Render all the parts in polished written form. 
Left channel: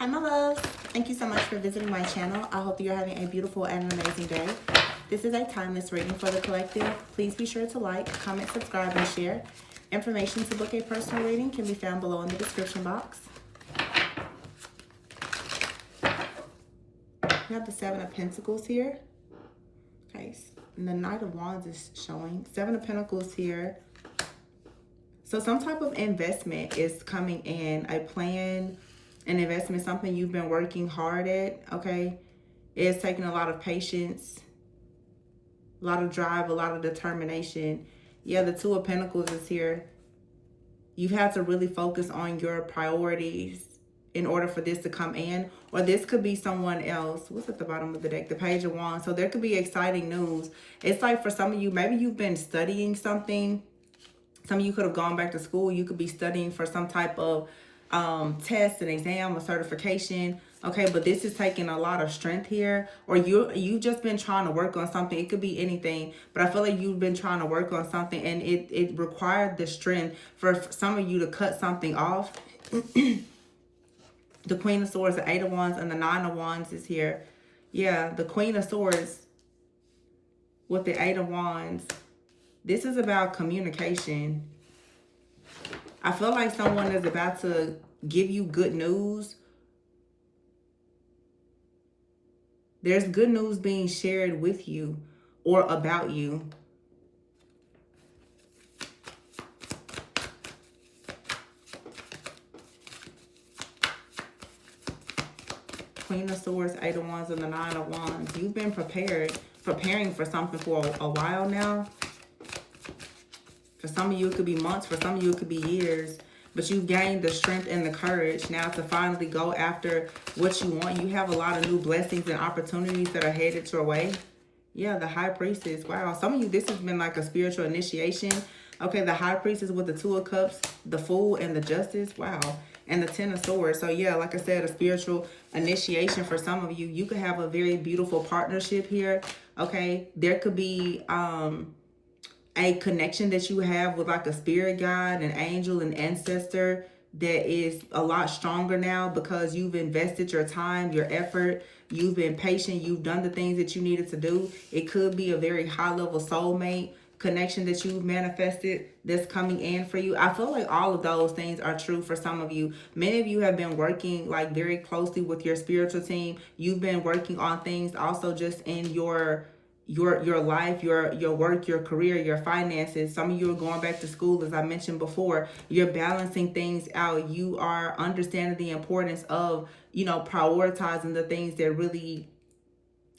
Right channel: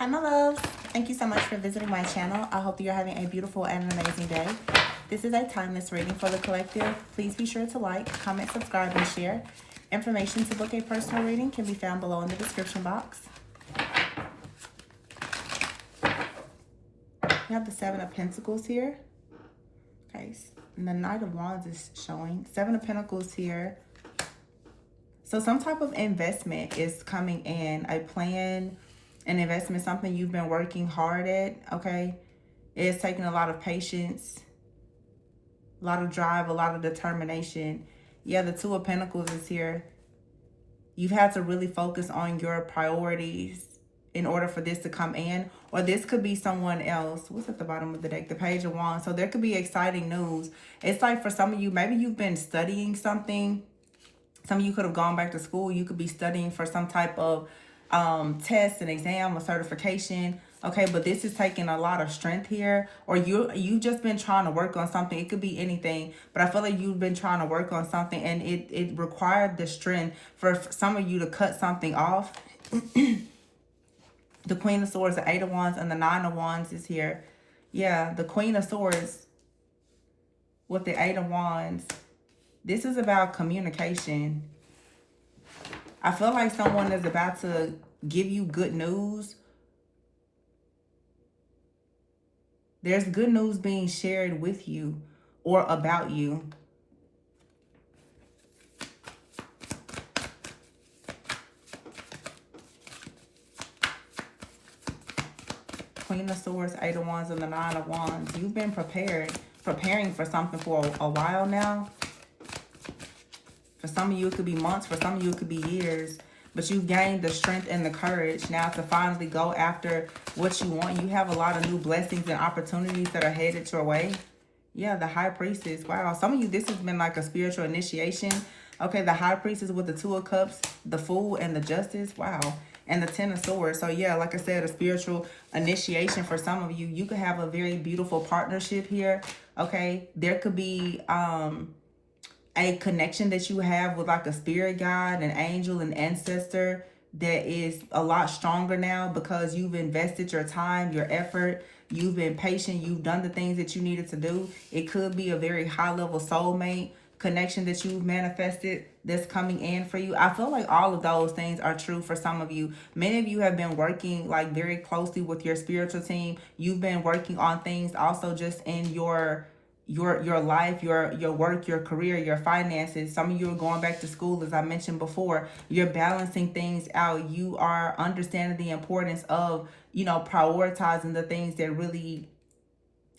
Hi, my loves. Thank you so much for visiting my channel. I hope you're having a beautiful and amazing day. This is a timeless reading for the collective. Please be sure to like, comment, subscribe, and share. Information to book a personal reading can be found below in the description box. We have the Seven of Pentacles here. Okay, and the Knight of Wands is showing. Seven of Pentacles here. So some type of investment is coming in, a plan, an investment, something you've been working hard at, okay? It's taking a lot of patience, a lot of drive, a lot of determination. Yeah, the Two of Pentacles is here. You've had to really focus on your priorities in order for this to come in. Or this could be someone else. What's at the bottom of the deck? The Page of Wands. So there could be exciting news. It's like for some of you, maybe you've been studying something. Some of you could have gone back to school. You could be studying for some type of test, an exam, a certification. Okay, but this is taking a lot of strength here. Or you've just been trying to work on something. It could be anything. But I feel like you've been trying to work on something. And it required the strength for some of you to cut something off. The Queen of Swords, the Eight of Wands, and the Nine of Wands is here. Yeah, the Queen of Swords with the Eight of Wands. This is about communication. I feel like someone is about to give you good news. There's good news being shared with you or about you. Queen of Swords, Eight of Wands, and the Nine of Wands. You've been preparing for something for a while now. For some of you, it could be months. For some of you, it could be years. But you've gained the strength and the courage now to finally go after what you want. You have a lot of new blessings and opportunities that are headed your way. Yeah, the High Priestess. Wow. Some of you, this has been like a spiritual initiation. Okay, the High Priestess with the Two of Cups, the Fool, and the Justice. Wow. And the Ten of Swords. So yeah, like I said, a spiritual initiation for some of you. You could have a very beautiful partnership here. Okay, there could be a connection that you have with like a spirit guide, an angel, an ancestor that is a lot stronger now because you've invested your time, your effort, you've been patient, you've done the things that you needed to do. It could be a very high level soulmate connection that you've manifested that's coming in for you. I feel like all of those things are true for some of you. Many of you have been working like very closely with your spiritual team. You've been working on things also just in your life, your work, your career, your finances. Some of you are going back to school, as I mentioned before. You're balancing things out. You are understanding the importance of, prioritizing the things that really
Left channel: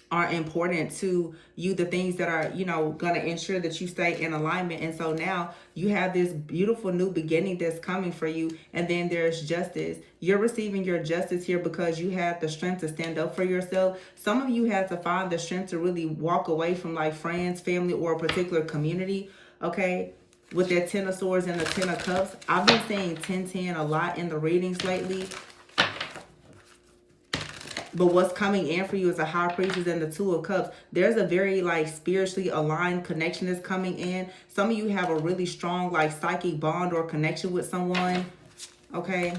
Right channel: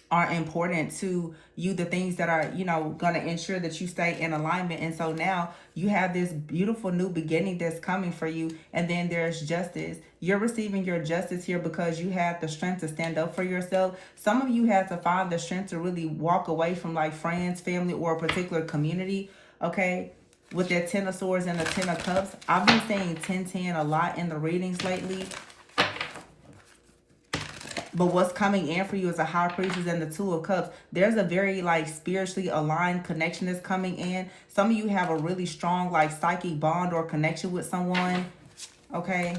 are important to you, the things that are, going to ensure that you stay in alignment. And so now you have this beautiful new beginning that's coming for you. And then there's justice. You're receiving your justice here because you had the strength to stand up for yourself. Some of you had to find the strength to really walk away from like friends, family, or a particular community. Okay, with their Ten of Swords and the Ten of Cups. I've been saying 10-10 a lot in the readings lately. But what's coming in for you is a High Priestess and the Two of Cups. There's a very like spiritually aligned connection that's coming in. Some of you have a really strong like psychic bond or connection with someone. Okay.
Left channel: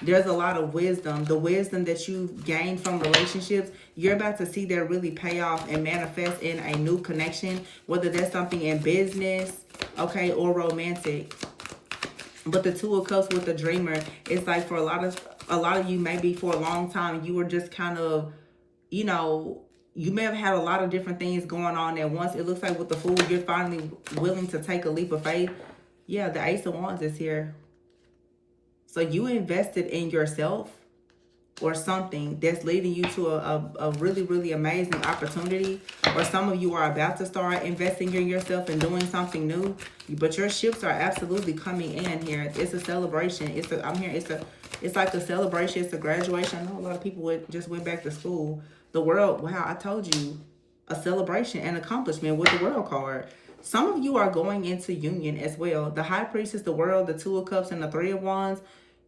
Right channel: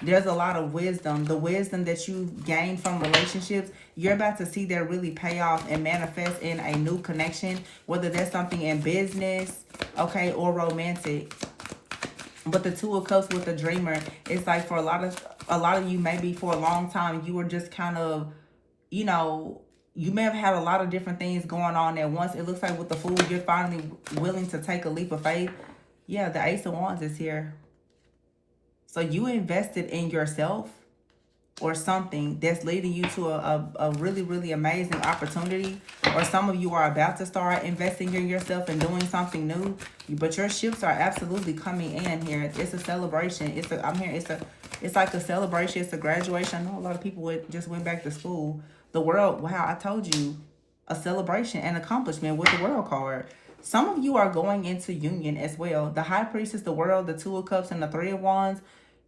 There's a lot of wisdom. The wisdom that you've gained from relationships, you're about to see that really pay off and manifest in a new connection. Whether there's something in business, okay, or romantic. But the Two of Cups with the Dreamer, it's like for a lot of you, maybe for a long time, you were just kind of, you may have had a lot of different things going on at once. It looks like with the Fool, you're finally willing to take a leap of faith. Yeah, the Ace of Wands is here. So you invested in yourself or something that's leading you to a really, really amazing opportunity. Or some of you are about to start investing in yourself and doing something new. But your ships are absolutely coming in here. It's a celebration. It's like a celebration. It's a graduation. I know a lot of people just went back to school. The world, wow, I told you, a celebration and accomplishment with the World card. Some of you are going into union as well. The High Priestess, the World, the Two of Cups, and the Three of Wands.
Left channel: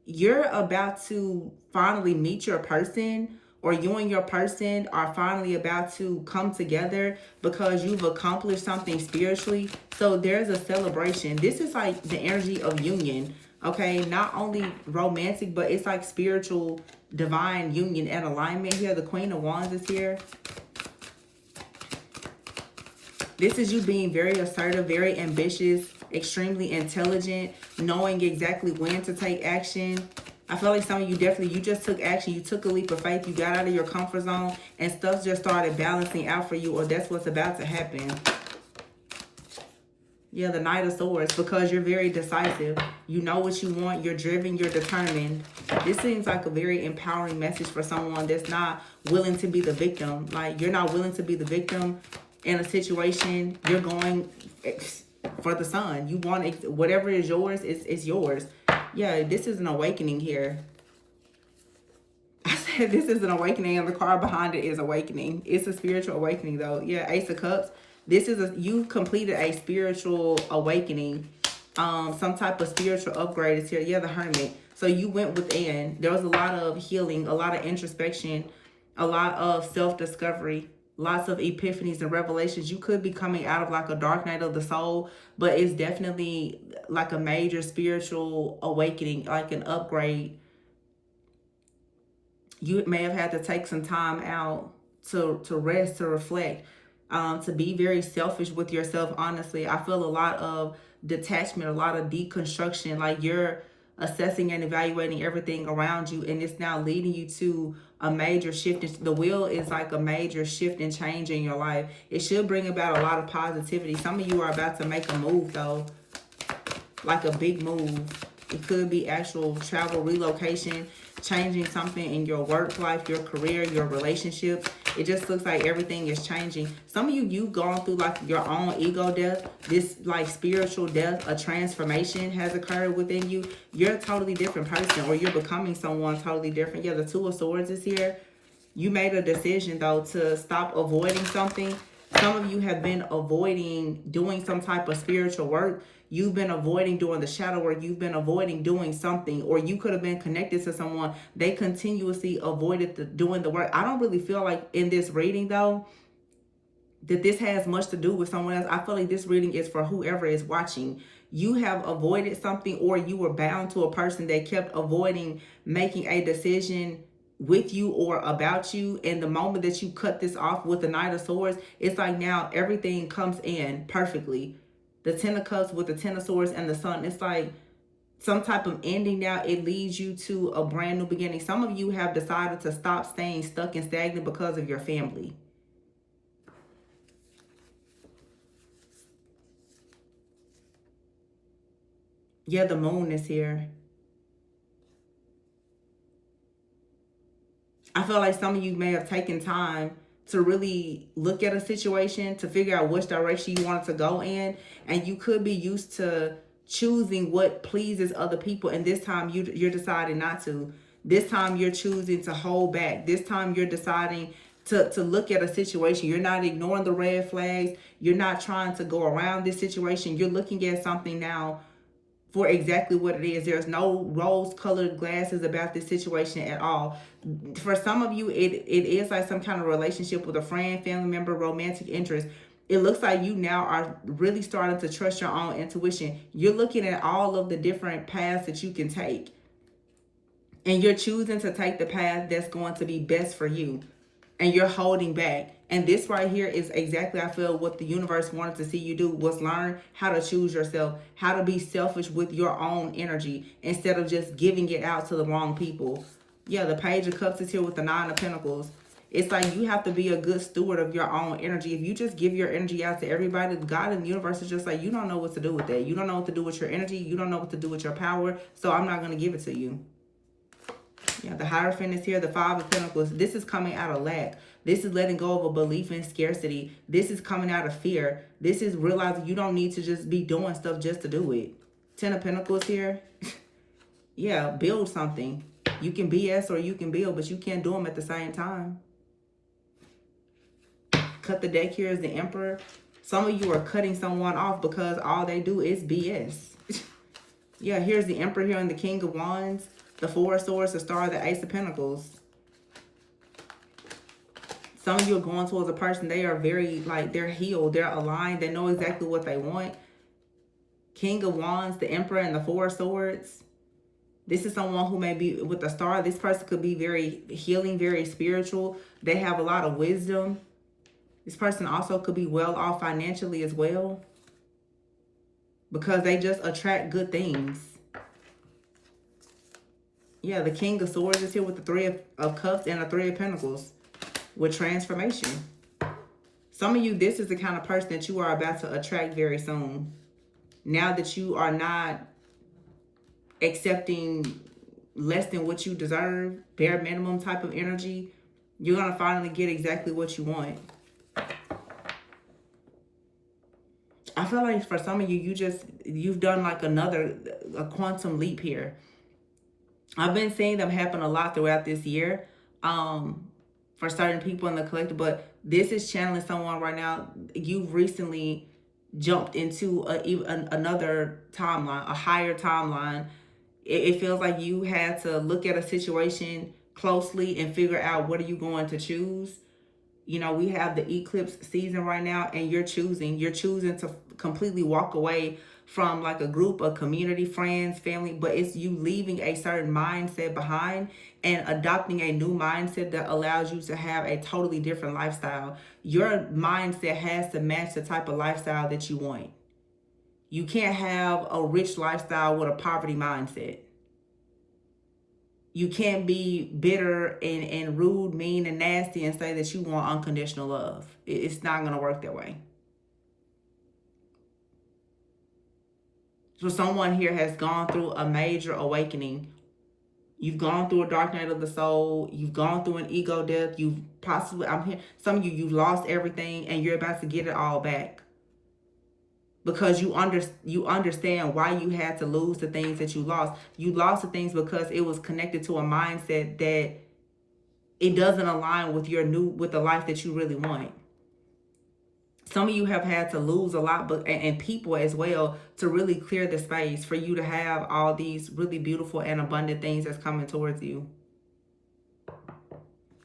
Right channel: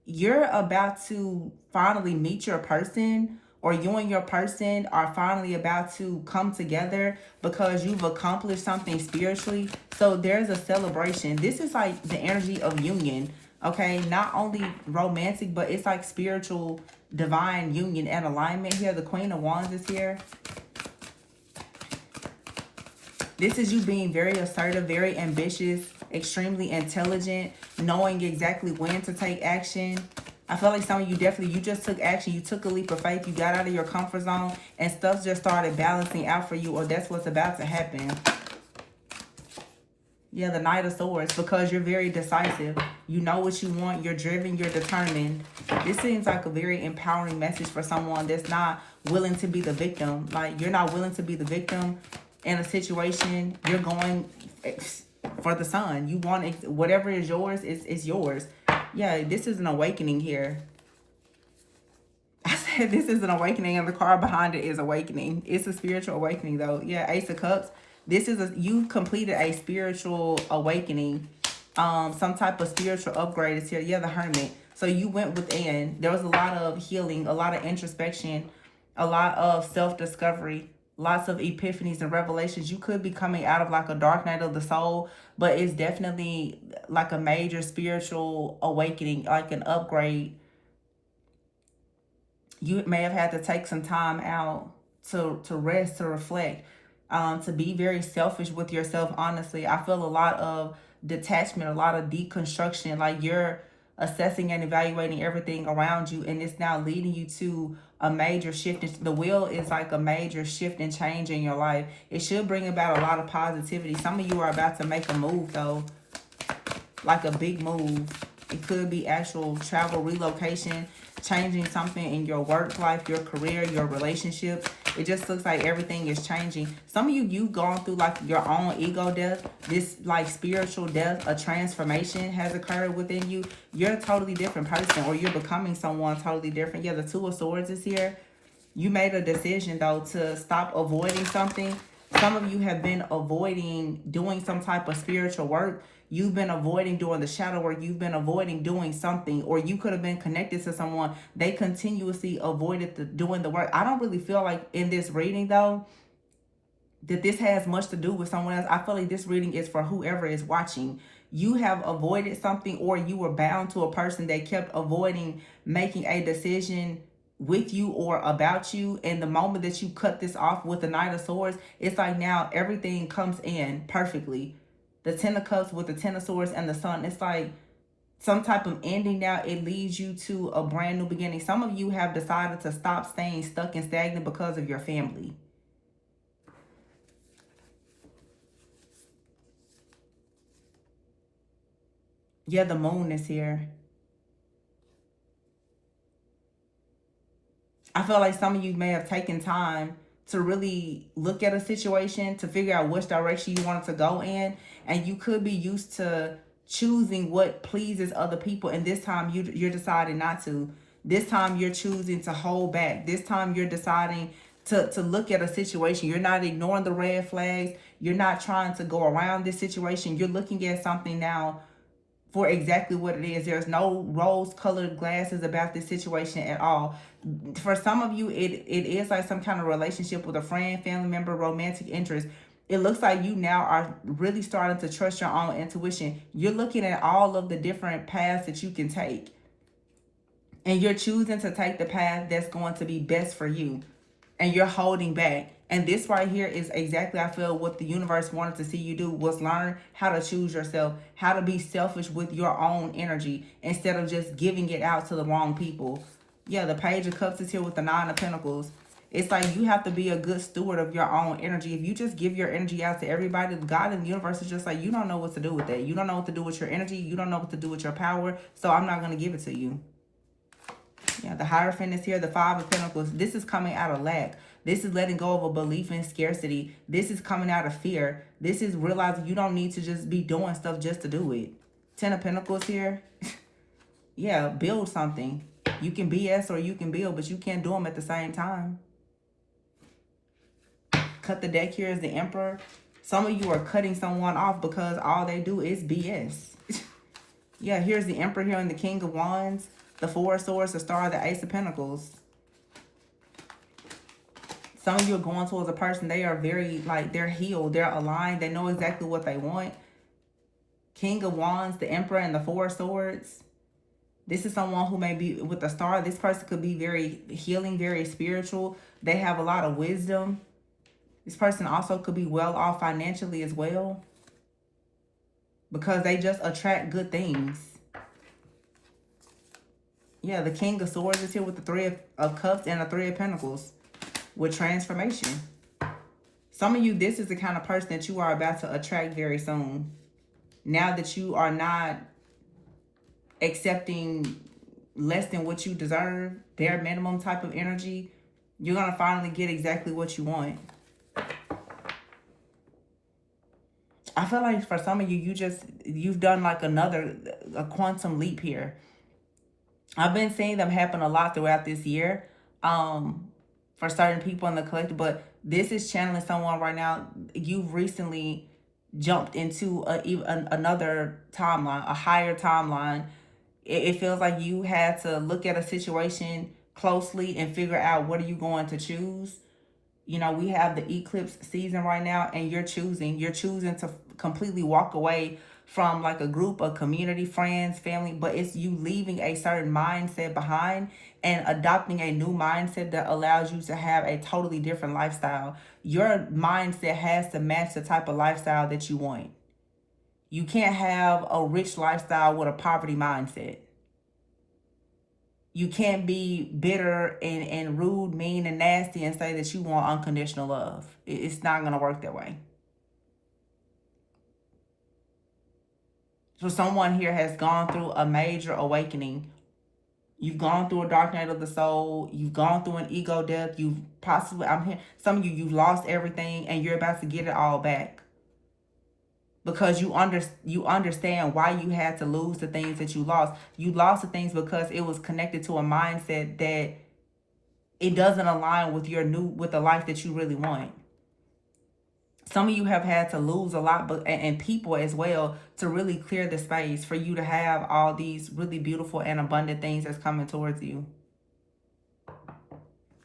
You're about to finally meet your person, or you and your person are finally about to come together because you've accomplished something spiritually. So there's a celebration. This is like the energy of union. Okay, not only romantic, but it's like spiritual, divine union and alignment here. The Queen of Wands is here. This is you being very assertive, very ambitious, extremely intelligent, knowing exactly when to take action. I feel like some of you definitely, you just took action. You took a leap of faith. You got out of your comfort zone and stuff just started balancing out for you, or that's what's about to happen. Yeah, the Knight of Swords, because you're very decisive. You know what you want. You're driven. You're determined. This seems like a very empowering message for someone that's not willing to be the victim. Like, you're not willing to be the victim in a situation. You're going for the sun. You want whatever is yours, is yours. Yeah, this is an awakening here. I said this is an awakening, and the card behind it is awakening. It's a spiritual awakening, though. Yeah, Ace of Cups. This is you completed a spiritual awakening. Some type of spiritual upgrade is here. Yeah, the Hermit. So you went within. There was a lot of healing, a lot of introspection, a lot of self-discovery, lots of epiphanies and revelations. You could be coming out of like a dark night of the soul, but it's definitely like a major spiritual awakening, like an upgrade. You may have had to take some time out to rest, to reflect, to be very selfish with yourself. Honestly, I feel a lot of detachment, a lot of deconstruction. Like, you're assessing and evaluating everything around you, and it's now leading you to a major shift. The wheel is like a major shift and change in your life. It should bring about a lot of positivity. Some of you are about to make a move, though, like a big move. It could be actual travel, relocation, changing something in your work life, your career, your relationships. It just looks like everything is changing. Some of you, you've gone through like your own ego death. This like spiritual death, a transformation has occurred within you. You're a totally different person, or you're becoming someone totally different. Yeah, the Two of Swords is here. You made a decision, though, to stop avoiding something. Some of you have been avoiding doing some type of spiritual work. You've been avoiding doing the shadow work. You've been avoiding doing something, or you could have been connected to someone. They continuously avoided doing the work. I don't really feel like in this reading, though, that this has much to do with someone else. I feel like this reading is for whoever is watching. You have avoided something, or you were bound to a person that kept avoiding making a decision with you or about you. And the moment that you cut this off with the Knight of Swords, it's like now everything comes in perfectly. The Ten of Cups with the Ten of Swords and the Sun, it's like some type of ending now. It leads you to a brand new beginning. Some of you have decided to stop staying stuck and stagnant because of your family. Yeah, the Moon is here. I feel like some of you may have taken time to really look at a situation, to figure out which direction you wanted to go in. And you could be used to choosing what pleases other people. And this time you're deciding not to. This time you're choosing to hold back. This time you're deciding to look at a situation. You're not ignoring the red flags. You're not trying to go around this situation. You're looking at something now for exactly what it is. There's no rose-colored glasses about this situation at all. For some of you, it is like some kind of relationship with a friend, family member, romantic interest. It looks like you now are really starting to trust your own intuition. You're looking at all of the different paths that you can take, and you're choosing to take the path that's going to be best for you, and you're holding back. And this right here is exactly, I feel, what the universe wanted to see you do, was learn how to choose yourself, how to be selfish with your own energy instead of just giving it out to the wrong people. Yeah, the Page of Cups is here with the Nine of Pentacles. It's like you have to be a good steward of your own energy. If you just give your energy out to everybody, God and the universe is just like, you don't know what to do with that. You don't know what to do with your energy. You don't know what to do with your power. So I'm not going to give it to you. Yeah, the Hierophant is here, the Five of Pentacles. This is coming out of lack. This is letting go of a belief in scarcity. This is coming out of fear. This is realizing you don't need to just be doing stuff just to do it. Ten of Pentacles here. Yeah, build something. You can BS or you can build, but you can't do them at the same time. Cut the deck here is the Emperor. Some of you are cutting someone off because all they do is BS. Yeah, here's the Emperor here and the King of Wands. The Four of Swords, the Star, the Ace of Pentacles. Some of you are going towards a person, they are very, like, they're healed. They're aligned. They know exactly what they want. King of Wands, the Emperor, and the Four of Swords. This is someone who may be with a star. This person could be very healing, very spiritual. They have a lot of wisdom. This person also could be well off financially as well, because they just attract good things. Yeah, the King of Swords is here with the Three of Cups and the Three of Pentacles with transformation. Some of you, this is the kind of person that you are about to attract very soon. Now that you are not accepting less than what you deserve, bare minimum type of energy, you're going to finally get exactly what you want. I feel like for some of you, you've done like a quantum leap here. I've been seeing them happen a lot throughout this year for certain people in the collective, but this is channeling someone right now. You've recently jumped into another timeline, a higher timeline. It feels like you had to look at a situation closely and figure out what are you going to choose. You know, we have the eclipse season right now, and you're choosing to completely walk away from like a group of community, friends, family, but it's you leaving a certain mindset behind and adopting a new mindset that allows you to have a totally different lifestyle. Your mindset has to match the type of lifestyle that you want. You can't have a rich lifestyle with a poverty mindset. You can't be bitter and rude, mean, and nasty and say that you want unconditional love. It's not going to work that way. So someone here has gone through a major awakening. You've gone through a dark night of the soul. You've gone through an ego death. You've possibly, I'm here, some of you, you've lost everything and you're about to get it all back. Because you understand why you had to lose the things that you lost. You lost the things because it was connected to a mindset that it doesn't align with with the life that you really want. Some of you have had to lose a lot, and people as well, to really clear the space for you to have all these really beautiful and abundant things that's coming towards you.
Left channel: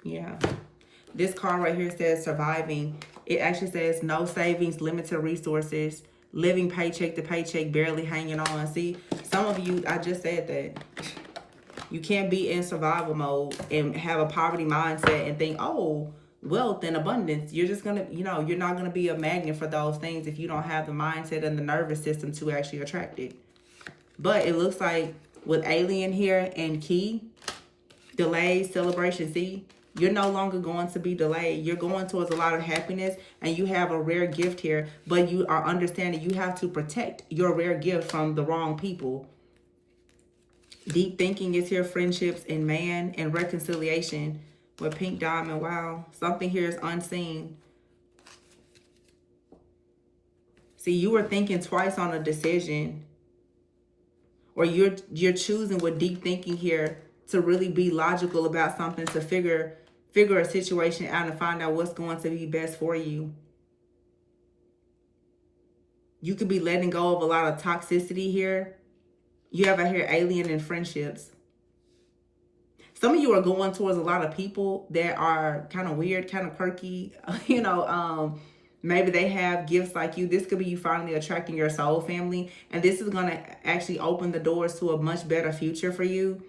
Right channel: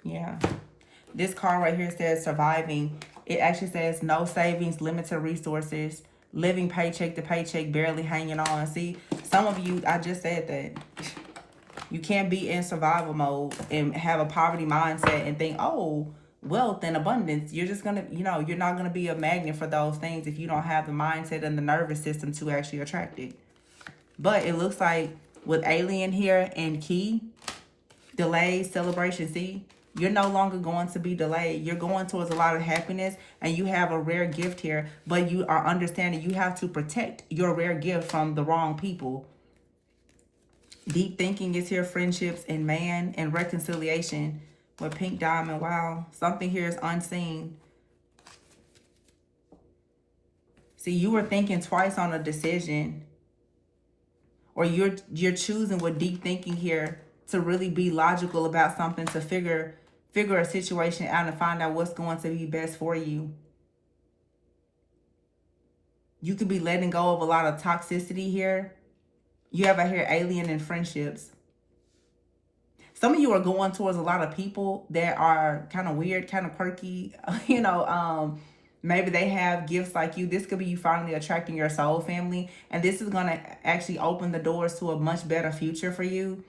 Yeah. This card right here says surviving. It actually says no savings, limited resources, living paycheck to paycheck, barely hanging on. See, some of you, I just said that. You can't be in survival mode and have a poverty mindset and think, oh, wealth and abundance. You're just going to, you're not going to be a magnet for those things if you don't have the mindset and the nervous system to actually attract it. But it looks like with Alien here and Key, delays, celebration, see, you're no longer going to be delayed. You're going towards a lot of happiness, and you have a rare gift here, but you are understanding you have to protect your rare gift from the wrong people. Deep thinking is here, friendships and man and reconciliation with pink diamond. Wow, something here is unseen. See, you were thinking twice on a decision, or you're choosing with deep thinking here to really be logical about something, to figure a situation out and find out what's going to be best for you. You could be letting go of a lot of toxicity here. You have out here alien and friendships. Some of you are going towards a lot of people that are kind of weird, kind of quirky. Maybe they have gifts like you. This could be you finally attracting your soul family. And this is going to actually open the doors to a much better future for you.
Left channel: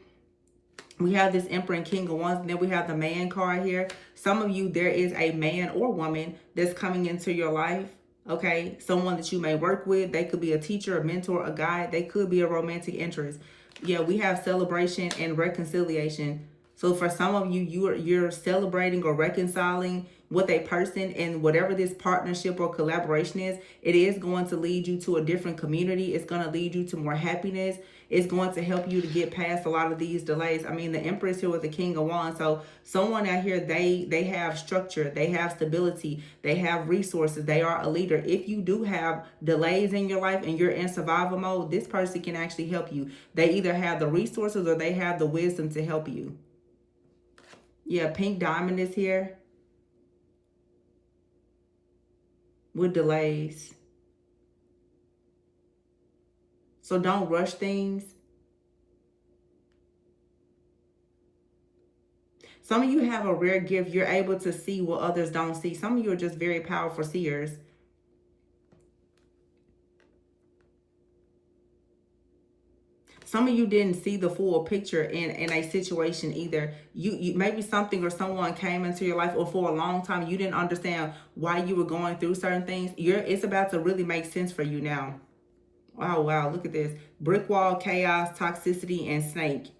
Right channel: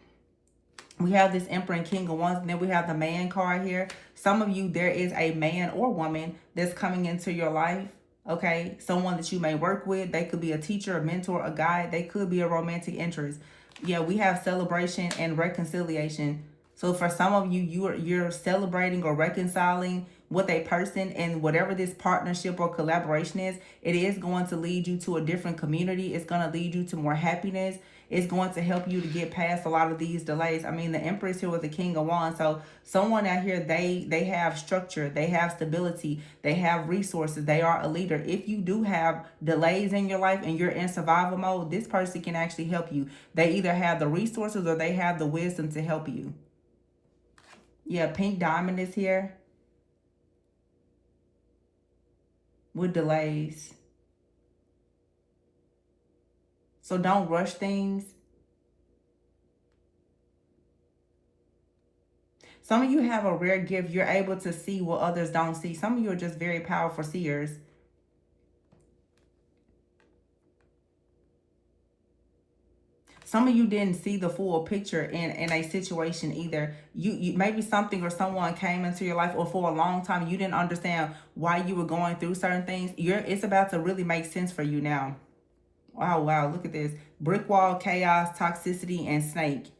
We have this Emperor and King of Wands. And then we have the Man card here. Some of you, there is a man or woman that's coming into your life. Okay, someone that you may work with. They could be a teacher, a mentor, a guide. They could be a romantic interest. Yeah, we have celebration and reconciliation. So for some of you, you're celebrating or reconciling with a person, and whatever this partnership or collaboration is, it is going to lead you to a different community. It's going to lead you to more happiness. It's going to help you to get past a lot of these delays. I mean, the Empress here with the King of Wands. So someone out here, they have structure, they have stability, they have resources, they are a leader. If you do have delays in your life and you're in survival mode, this person can actually help you. They either have the resources or they have the wisdom to help you. Yeah, pink diamond is here with delays. So don't rush things. Some of you have a rare gift. You're able to see what others don't see. Some of you are just very powerful seers. Some of you didn't see the full picture in a situation either. You maybe something or someone came into your life, or for a long time you didn't understand why you were going through certain things. It's about to really make sense for you now. Oh wow, look at this. Brick wall, chaos, toxicity, and snake.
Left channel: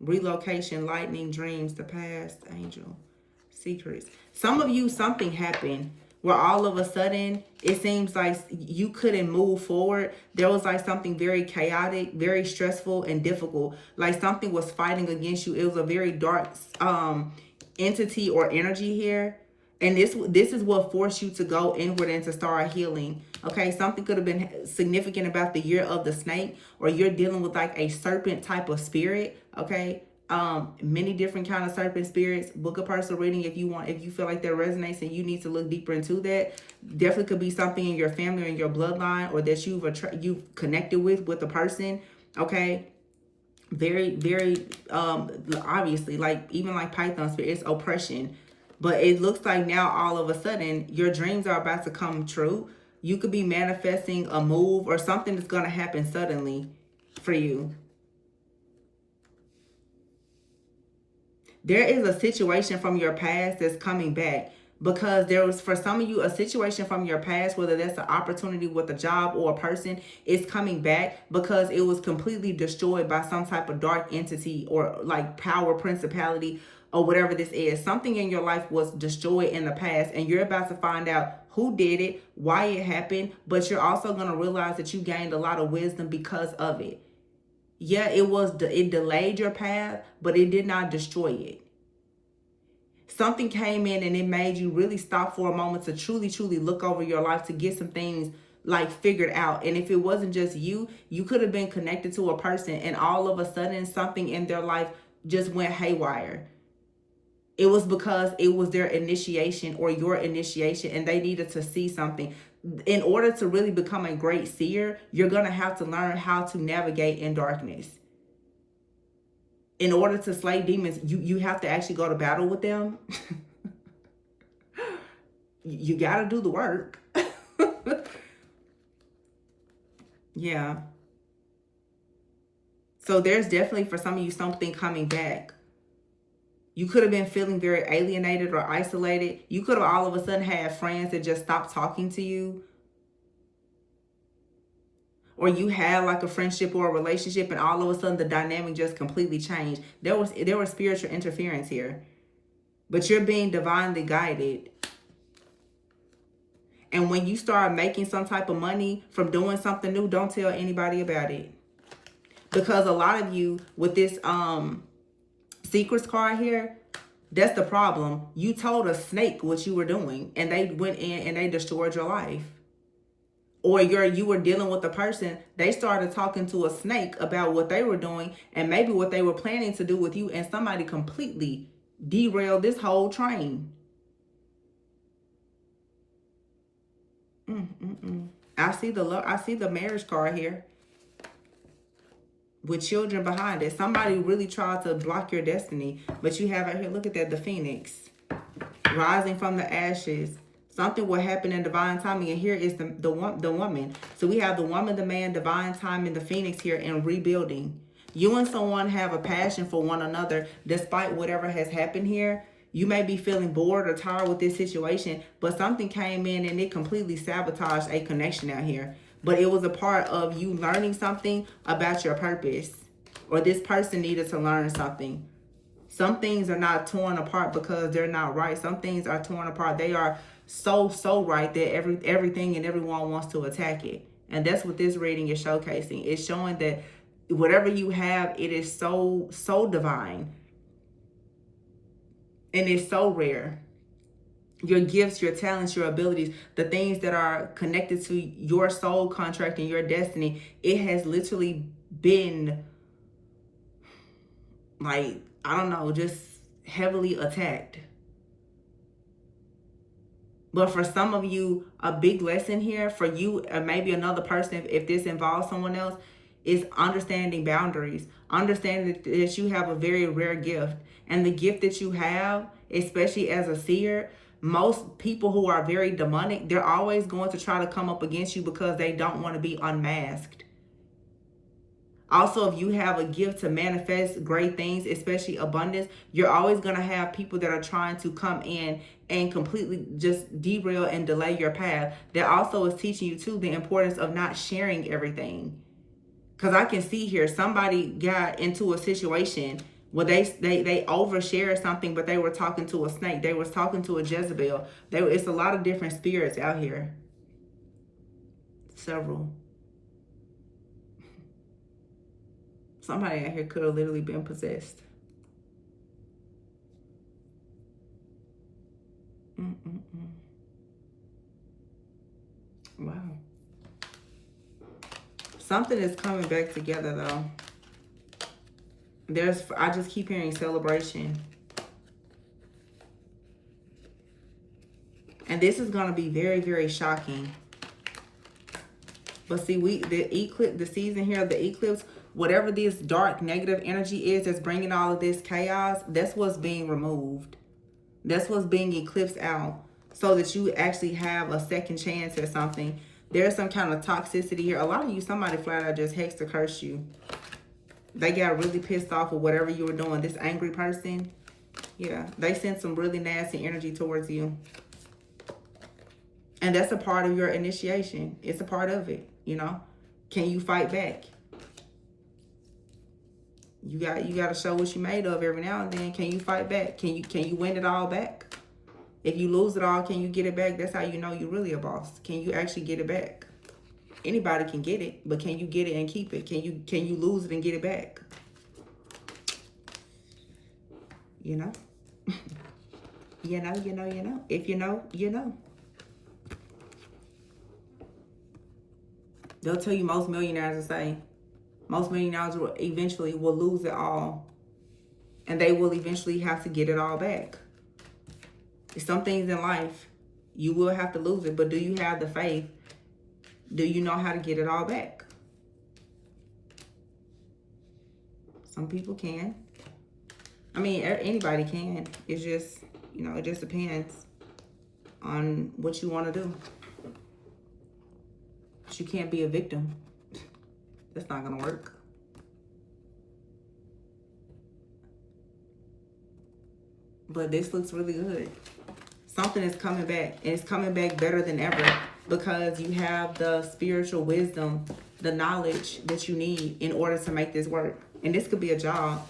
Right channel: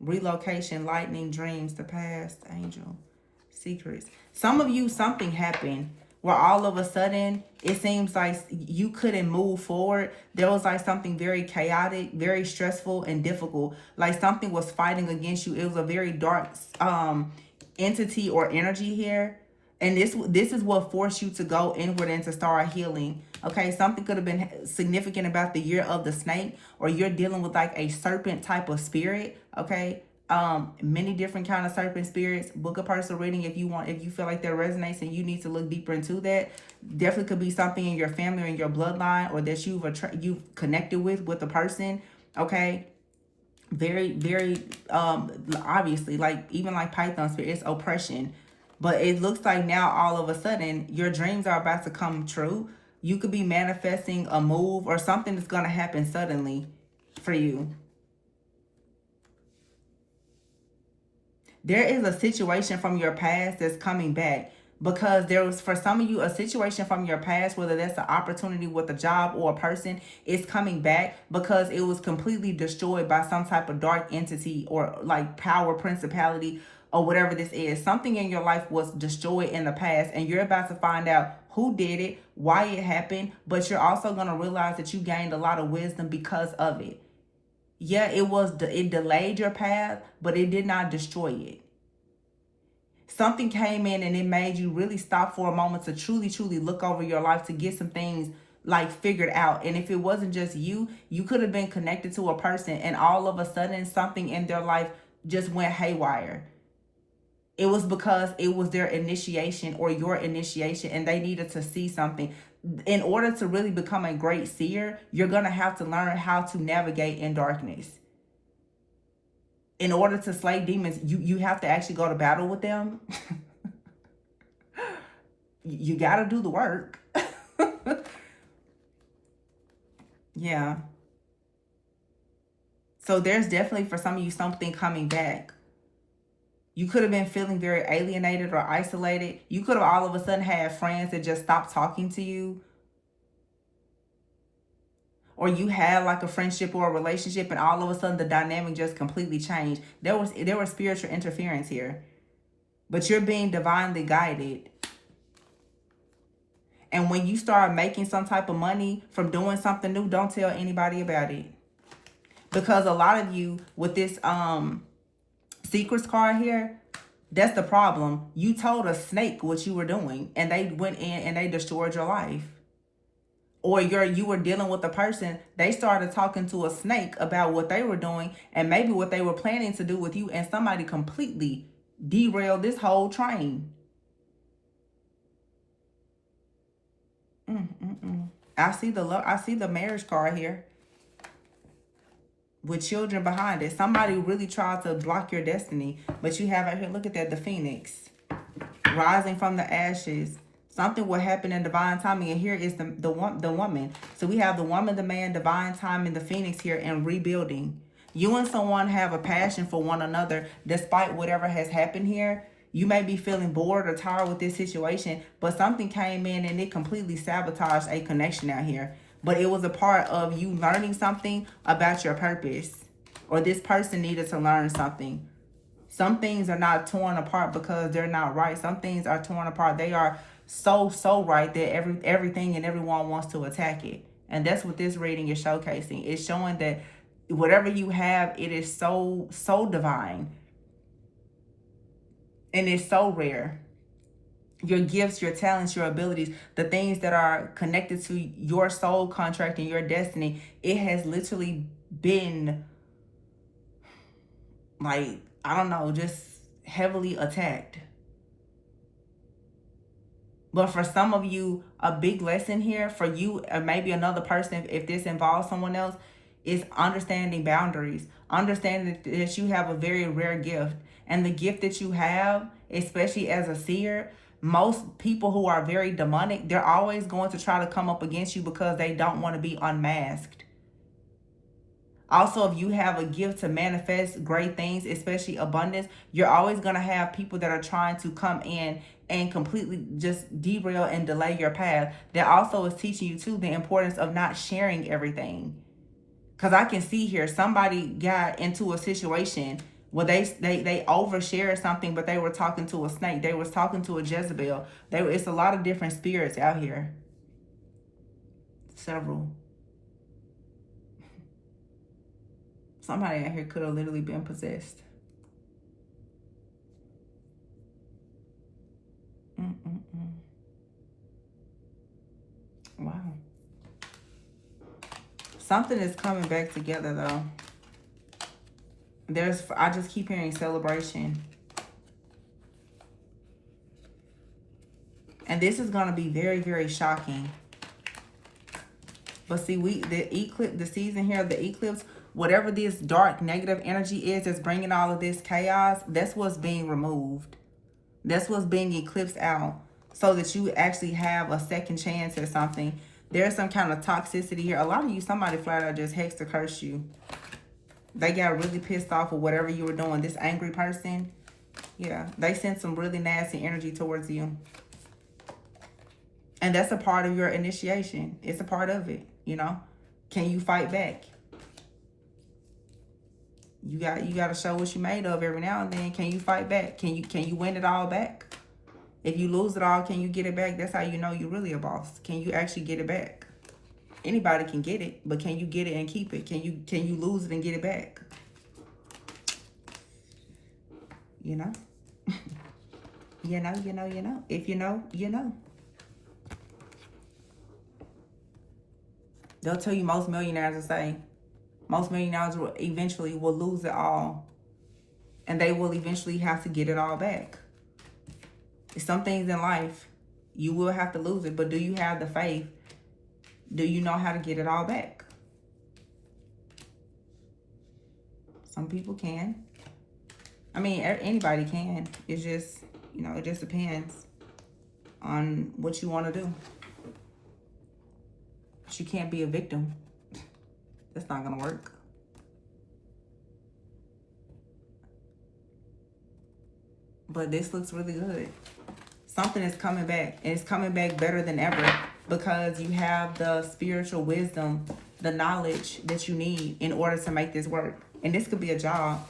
Relocation, lightning, dreams, the past, angel, secrets. Some of you, something happened where all of a sudden it seems like you couldn't move forward. There was like something very chaotic, very stressful and difficult. Like something was fighting against you. It was a very dark entity or energy here. And this is what forced you to go inward and to start healing. Okay, something could have been significant about the year of the snake, or you're dealing with like a serpent type of spirit. Okay, many different kind of serpent spirits. Book a personal reading if you want, if you feel like that resonates and you need to look deeper into that. Definitely could be something in your family or in your bloodline, or that you've connected with a person. Okay, very obviously, like even like Python spirit, it's oppression. But it looks like now all of a sudden your dreams are about to come true. You could be manifesting a move or something that's going to happen suddenly for you. There is a situation from your past that's coming back, because there was, for some of you, a situation from your past, whether that's an opportunity with a job or a person, is coming back because it was completely destroyed by some type of dark entity or like power, principality, or whatever this is. Something in your life was destroyed in the past, and you're about to find out who did it, why it happened, but you're also going to realize that you gained a lot of wisdom because of it. Yeah, it delayed your path, but it did not destroy it. Something came in and it made you really stop for a moment to truly look over your life, to get some things like figured out. And if it wasn't just you could have been connected to a person, and all of a sudden something in their life just went haywire. It was because it was their initiation or your initiation, and they needed to see something. In order to really become a great seer, you're going to have to learn how to navigate in darkness. In order to slay demons, you have to actually go to battle with them. You got to do the work. Yeah. So there's definitely for some of you something coming back. You could have been feeling very alienated or isolated. You could have all of a sudden had friends that just stopped talking to you. Or you had like a friendship or a relationship, and all of a sudden the dynamic just completely changed. There was spiritual interference here. But you're being divinely guided. And when you start making some type of money from doing something new, don't tell anybody about it. Because a lot of you with this secrets card here, that's the problem. You told a snake what you were doing, and they went in and they destroyed your life. Or you were dealing with a person, they started talking to a snake about what they were doing and maybe what they were planning to do with you, and somebody completely derailed this whole train. I see the marriage card here with children behind it. Somebody really tried to block your destiny, but you have right here, look at that, the phoenix rising from the ashes. Something will happen in divine timing, and here is the woman. So we have the woman, the man, divine timing, the phoenix here, and rebuilding. You and someone have a passion for one another despite whatever has happened here. You may be feeling bored or tired with this situation, but something came in and it completely sabotaged a connection out here. But it was a part of you learning something about your purpose, or this person needed to learn something. Some things are not torn apart because they're not right. Some things are torn apart. They are so right that everything and everyone wants to attack it. And that's what this reading is showcasing. It's showing that whatever you have, it is so divine. And it's so rare. Your gifts, your talents, your abilities, the things that are connected to your soul contract and your destiny, it has literally been like, I don't know, just heavily attacked. But for some of you, a big lesson here for you, or maybe another person, if this involves someone else, is understanding boundaries. Understanding that you have a very rare gift. And the gift that you have, especially as a seer, most people who are very demonic, they're always going to try to come up against you because they don't want to be unmasked. Also, if you have a gift to manifest great things, especially abundance, you're always going to have people that are trying to come in and completely just derail and delay your path. That also is teaching you, too, the importance of not sharing everything. Because I can see here, somebody got into a situation where they overshared something, but they were talking to a snake. They was talking to a Jezebel. It's a lot of different spirits out here. Several. Somebody out here could have literally been possessed. Wow. Something is coming back together, though. I just keep hearing celebration. And this is going to be very, very shocking. But see, the season here of the eclipse, whatever this dark negative energy is that's bringing all of this chaos, that's what's being removed. That's what's being eclipsed out, so that you actually have a second chance at something. There's some kind of toxicity here. A lot of you, somebody flat out just hexed or cursed you. They got really pissed off with whatever you were doing. This angry person, yeah, they sent some really nasty energy towards you. And that's a part of your initiation. It's a part of it, you know. Can you fight back? You got to show what you made of every now and then. Can you fight back? Can you win it all back? If you lose it all, can you get it back? That's how you know you're really a boss. Can you actually get it back? Anybody can get it, but can you get it and keep it? Can you lose it and get it back? You know? you know. If you know, you know. They'll tell you most millionaires will say, most millionaires will eventually lose it all. And they will eventually have to get it all back. Some things in life, you will have to lose it. But do you have the faith? Do you know how to get it all back? Some people can. I mean, anybody can. It's just, you know, it just depends on what you want to do. But you can't be a victim. That's not going to work. But this looks really good. Something is coming back. And it's coming back better than ever. Because you have the spiritual wisdom, the knowledge that you need in order to make this work. And this could be a job.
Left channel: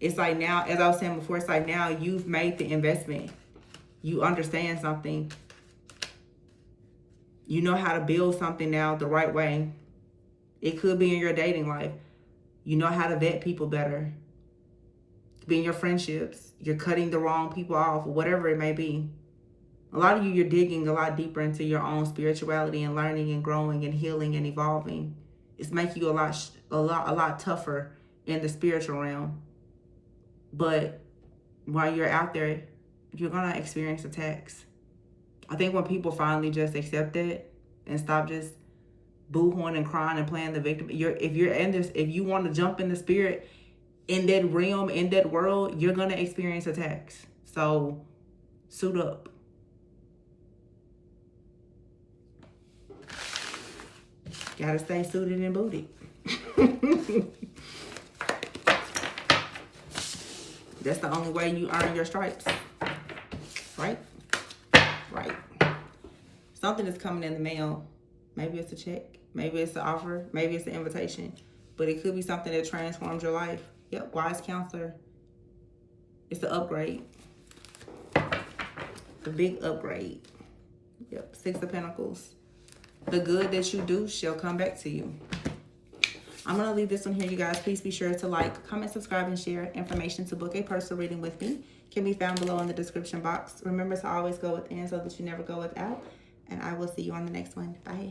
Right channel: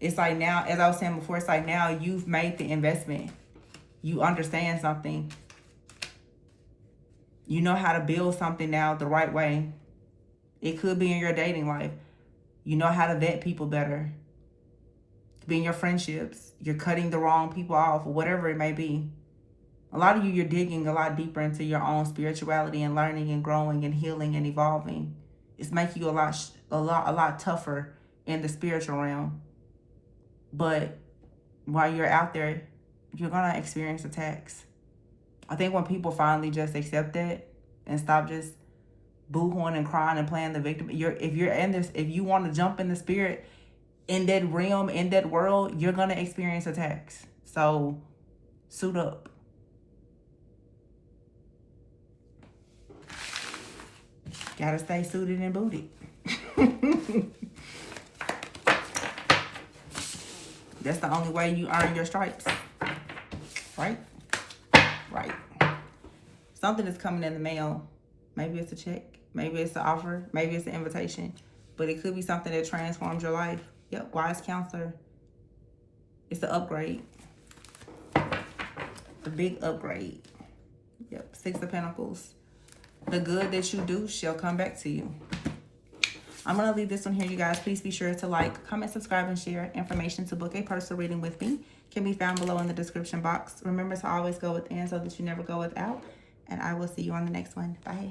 It's like now, as I was saying before, it's like now you've made the investment. You understand something. You know how to build something now the right way. It could be in your dating life. You know how to vet people better. It could be in your friendships. You're cutting the wrong people off, or whatever it may be. A lot of you, you're digging a lot deeper into your own spirituality and learning and growing and healing and evolving. It's making you a lot tougher in the spiritual realm. But while you're out there, you're going to experience attacks. I think when people finally just accept it and stop just boo-hooing and crying and playing the victim, if you want to jump in the spirit, in that realm, in that world, you're going to experience attacks. So suit up. Gotta stay suited and booted. That's the only way you earn your stripes. Right? Right. Something is coming in the mail. Maybe it's a check. Maybe it's an offer. Maybe it's an invitation. But it could be something that transforms your life. Yep, wise counselor. It's an upgrade. A big upgrade. Yep, 6 of Pentacles. The good that you do shall come back to you. I'm going to leave this one here, you guys. Please be sure to like, comment, subscribe, and share. Information to book a personal reading with me can be found below in the description box. Remember to always go within so that you never go without. And I will see you on the next one. Bye.